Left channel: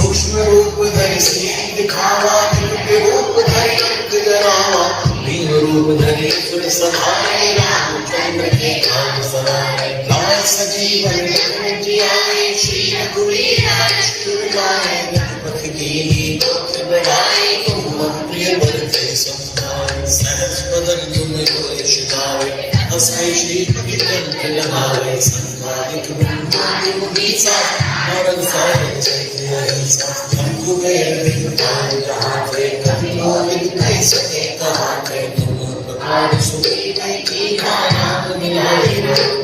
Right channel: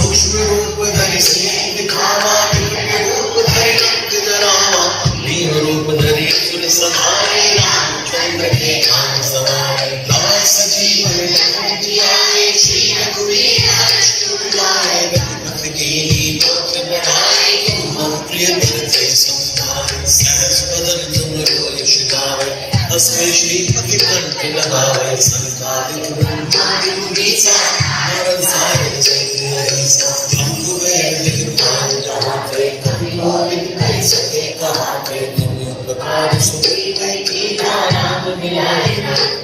सूक्ष्म रूप धरि स्नेह दिखावा, रूप धरि डरावा, दीन रूप धरि सुर समाये, रामचंद्र के नाम समाये, लाए सजीवन लखन जियाए, श्री रघुवीर हर्ष लाए, रघुपति कीन्ही लोक बढ़ाए, तुम मम प्रिय भरते समाये, सहज बदन तुम यश गावे, हँसते श्रीपति कंठ लगावे, संसारिक ब्रह्मांड मुनीसा, नारद सारद जय हरिसा, हमको वेद विद्वान जहाते, कभी गोविंद कह सके कहाते, तुम उपकार सुनी की नाम मिलाए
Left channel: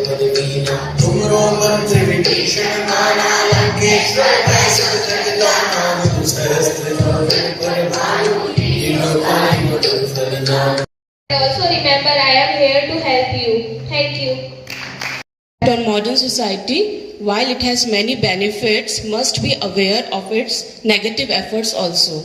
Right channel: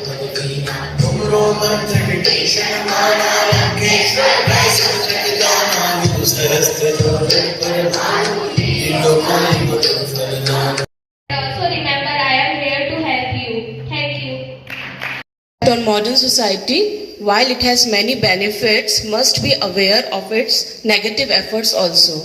पद वीना, तुमरो मंत्र विभीषण माना, लंकेश्वर ऐसा जग जाना, विदु सहस्त्र योजन पर भानु, त्रिलोकानि मधुर फल नाम। Also remember, I am here to help you. Thank you. On modern society, while it has many benefits, must be aware of its negative efforts also.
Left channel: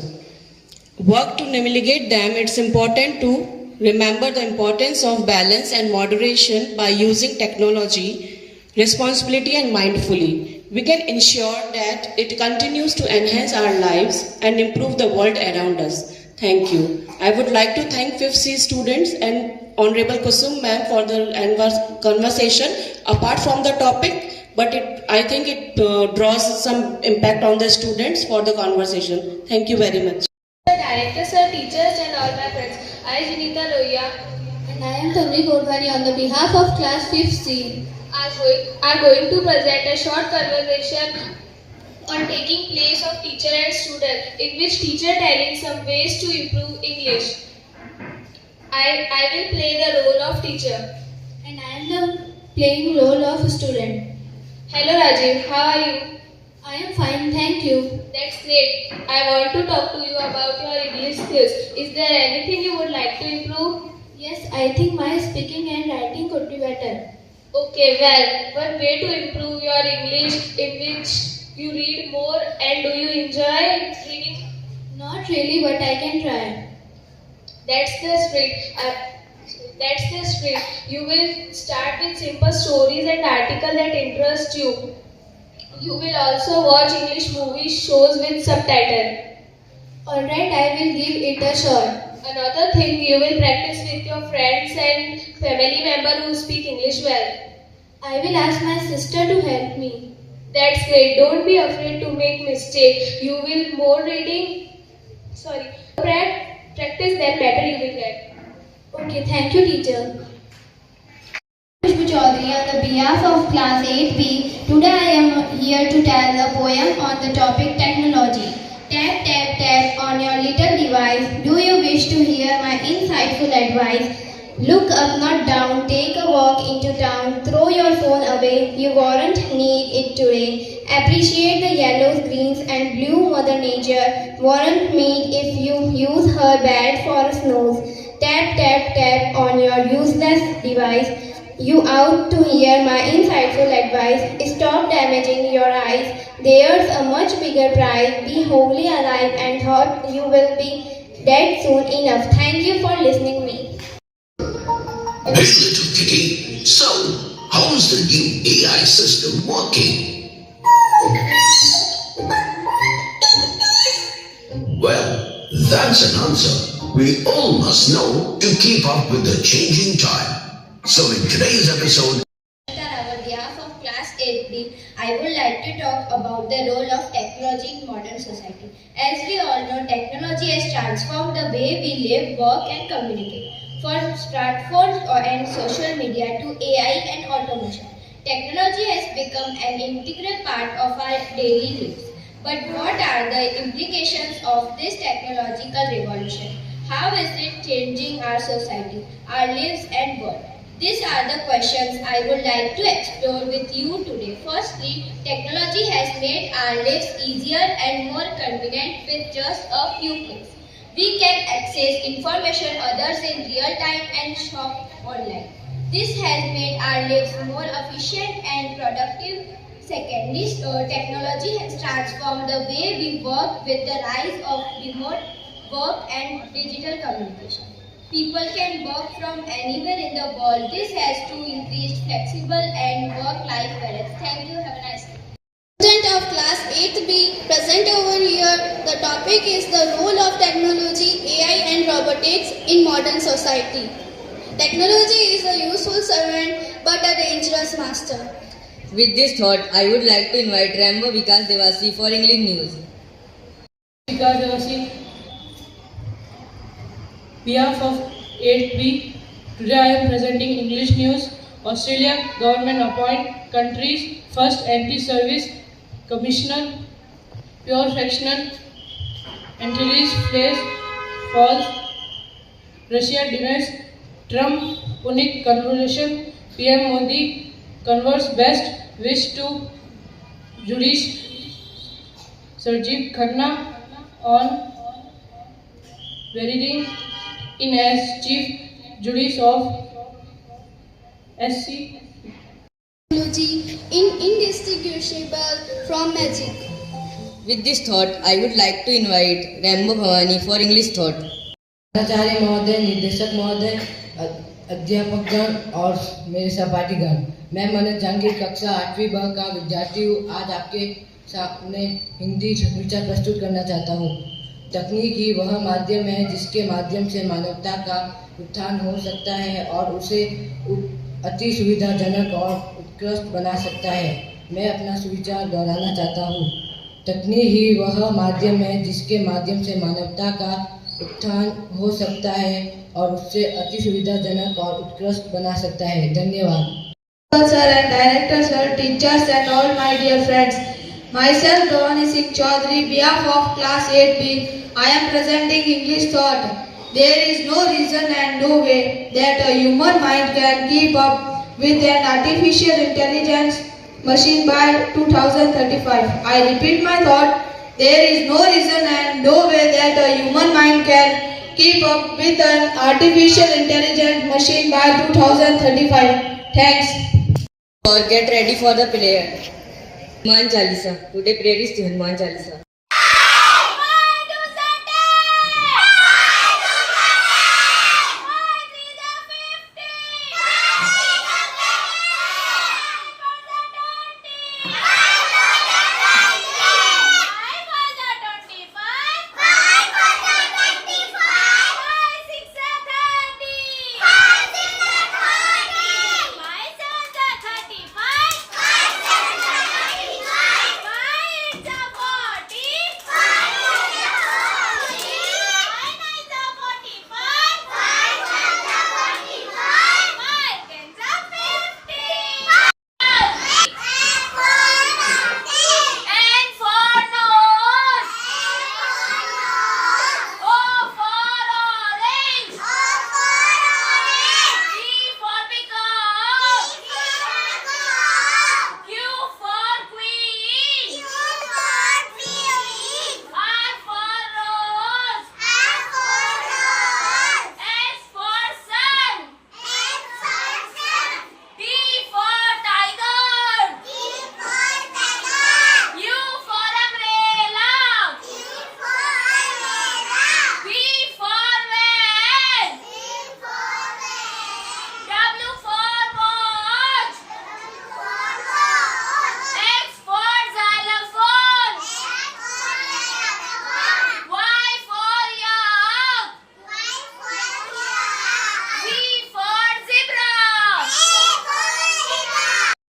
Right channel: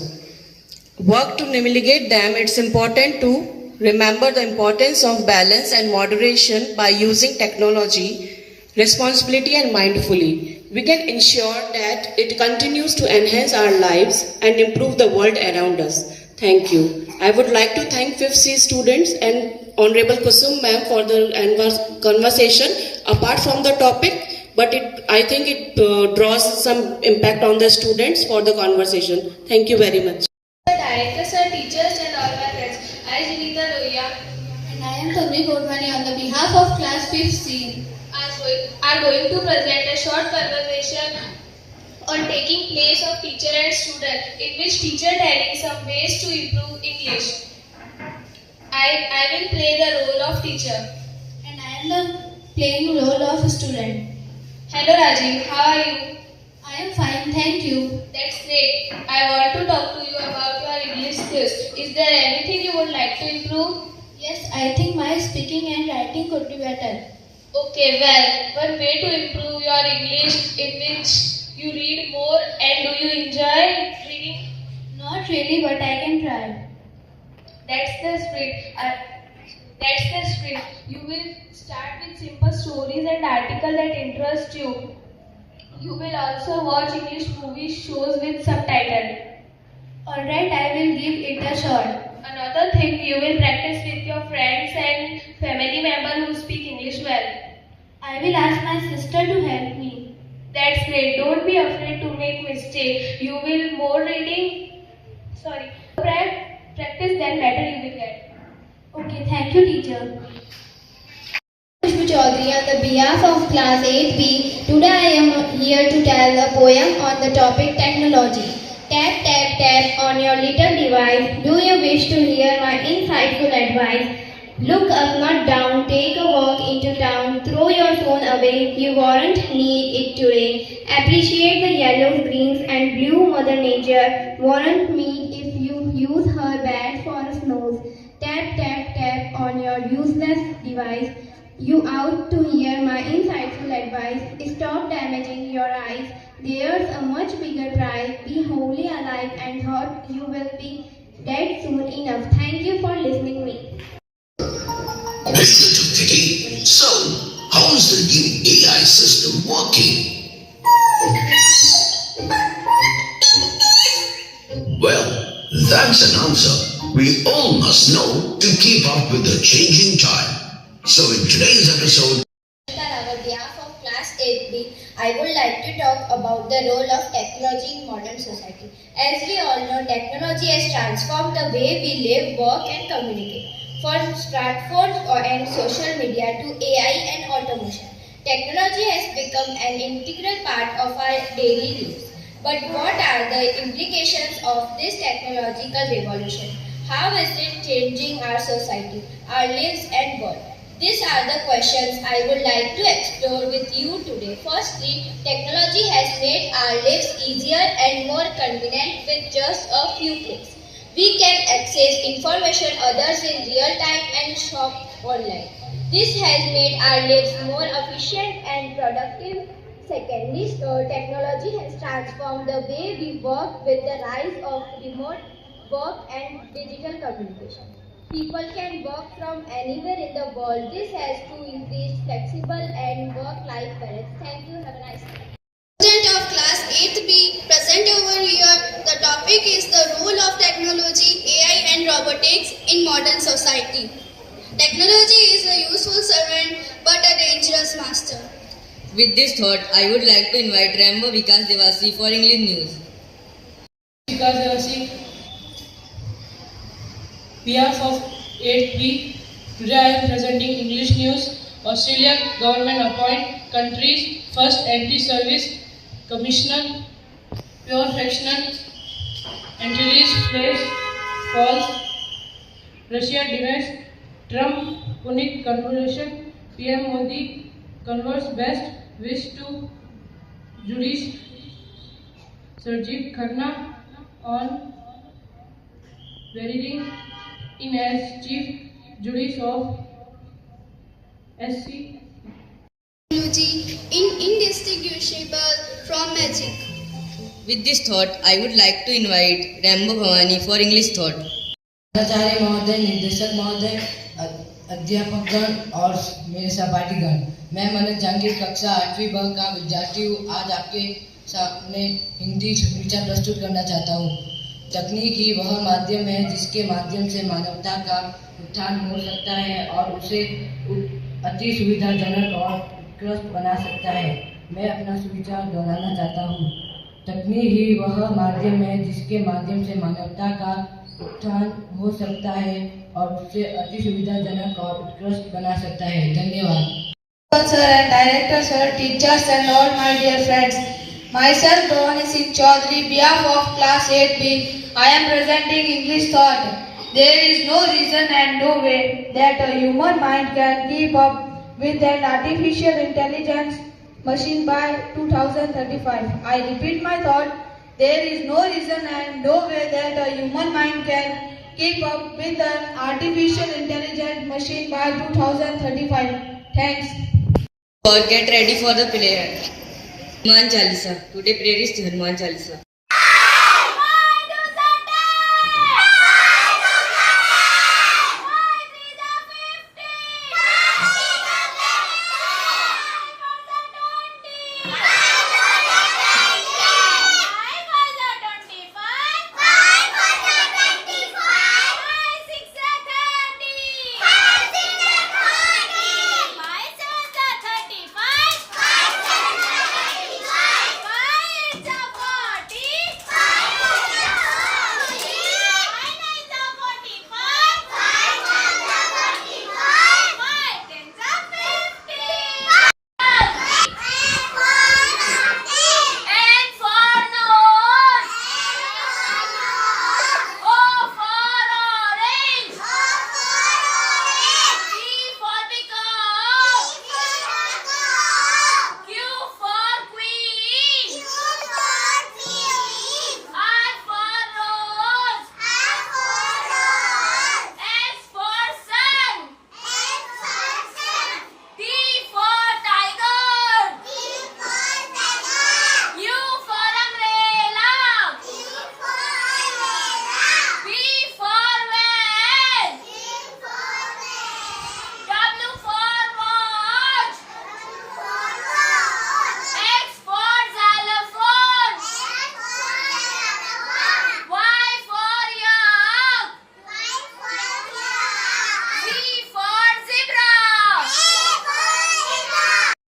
Work to mitigate them. It's important to remember the importance of balance and moderation by using technology, responsibility and mindfully. We can ensure that it continues to enhance our lives and improve the world around us. Thank you. I would like to thank 5th C students and Honorable Kusum ma'am for the conversation apart from the topic, but I think it draws some impact on the students for the conversation. Thank you very much. Sir, director, sir, teachers and all my friends. I am Sunita Loya. And I am Tamri Kodwani on the behalf of class 5th C. I am going to present a short conversation on taking place of teacher and student, in which teacher telling some ways to improve English. I will play the role of teacher. And I am playing role of student. Hello Rajiv, how are you? I am fine, thank you. That's great. I want to talk to you about your English skills. Is there anything you would like to improve? Yes, I think my speaking and writing could be better. Okay, well, one way to improve your English in which you read more, and do you enjoy reading? Not really, but I can try. That's the spirit. You will start with simple stories and articles that interest you. You will also watch English movies, shows with subtitle. Alright, I will give it a shot. Another thing, you will practice with your friends and family members who speak English well. I will ask my sister to help me. That's great. Don't be afraid to make mistakes. You will more reading. Practice, then better you will get. Okay, thank you, teacher. Pushpa Chaudhary on the behalf of class 8B. Today I am here to tell a poem on the topic technology. Tap, tap, tap on your little device. Do you wish to hear my insightful advice? Look up, not down. Take a walk into town. Throw your phone away. You won't need it today. Appreciate the yellows, greens and blue Mother Nature. Won't meet if you use her bad for a snooze. Tap, tap, tap on your useless device. You out to hear my insightful advice. Stop damaging your eyes. There's a much bigger prize. Be wholly alive and thought you will be dead soon enough. Thank you for listening me. This little kitty. So, how's the new AI system working? Well, that's an answer we all must know to keep up with the changing time. So in today's episode, On our behalf of class 8B, I would like to talk about the role of technology in modern society. As we all know, technology has transformed the way we live, work and communicate. From smartphones and social media to AI and automation, technology has become an integral part of our daily lives. But what are the implications of this technological revolution? How is it changing our society, our lives and world? These are the questions I would like to explore with you today. Firstly, technology has made our lives easier and more convenient with just a few clicks. We can access information others in real time and shop online. This has made our lives more efficient and productive. Secondly, technology has transformed the way we work with the rise of remote work and digital communication. People can work from anywhere in the world. This has to increase flexible and work-life balance. Thank you. Have a nice day. Student of class 8th B, present over here. The topic is the role of technology, AI and robotics in modern society. Technology is a useful servant but a dangerous master. With this thought, I would like to invite Rambo Vikas Devasi for English news. Vikas Devasi, behalf of 8B, today I am presenting English news. Australia government appoint country's first anti-service commissioner. Pure fictional entries place false. Russia denies Trump unique conversation. PM Modi converse best wish to Justice Sarjeev Khanna on wearing in as Chief Justice of SC. Technology indistinguishable from magic. With this thought, I would like to invite Rambo Bhavani for English thought. आचार्य महोदय, निदेशक महोदय, अध्यापकगण और मेरे सहपाठीगण, मैं मनोज जहांगीर कक्षा 8वीं ब का विद्यार्थी हूँ। आज आपके सामने हिंदी विचार प्रस्तुत करना चाहता हूँ। तकनीक ही वह माध्यम है जिसके माध्यम से मानवता का उत्थान हो सकता है और उसे अति सुविधाजनक और उत्कृष्ट बना सकता है। मैं अपना सुविचार दोहराना चाहता हूँ। तकनीक ही वह माध्यम है जिसके माध्यम से मानवता का उत्थान हो सकता है और उससे अति सुविधाजनक और उत्कृष्ट बना सकता है। धन्यवाद। Sir and director sir, teachers and all my dear friends. Myself Bhavani Singh Chaudhary, behalf of class 8B, I am presenting English thought. There is no reason and no way that a human mind can keep up with an artificial intelligence machine by 2035. I repeat my thought. There is no reason and no way that a human mind can keep up with an artificial intelligence machine by 2035. Thanks. All get ready for the prayer. Hanuman Chalisa. Today prayer is Hanuman Chalisa. It's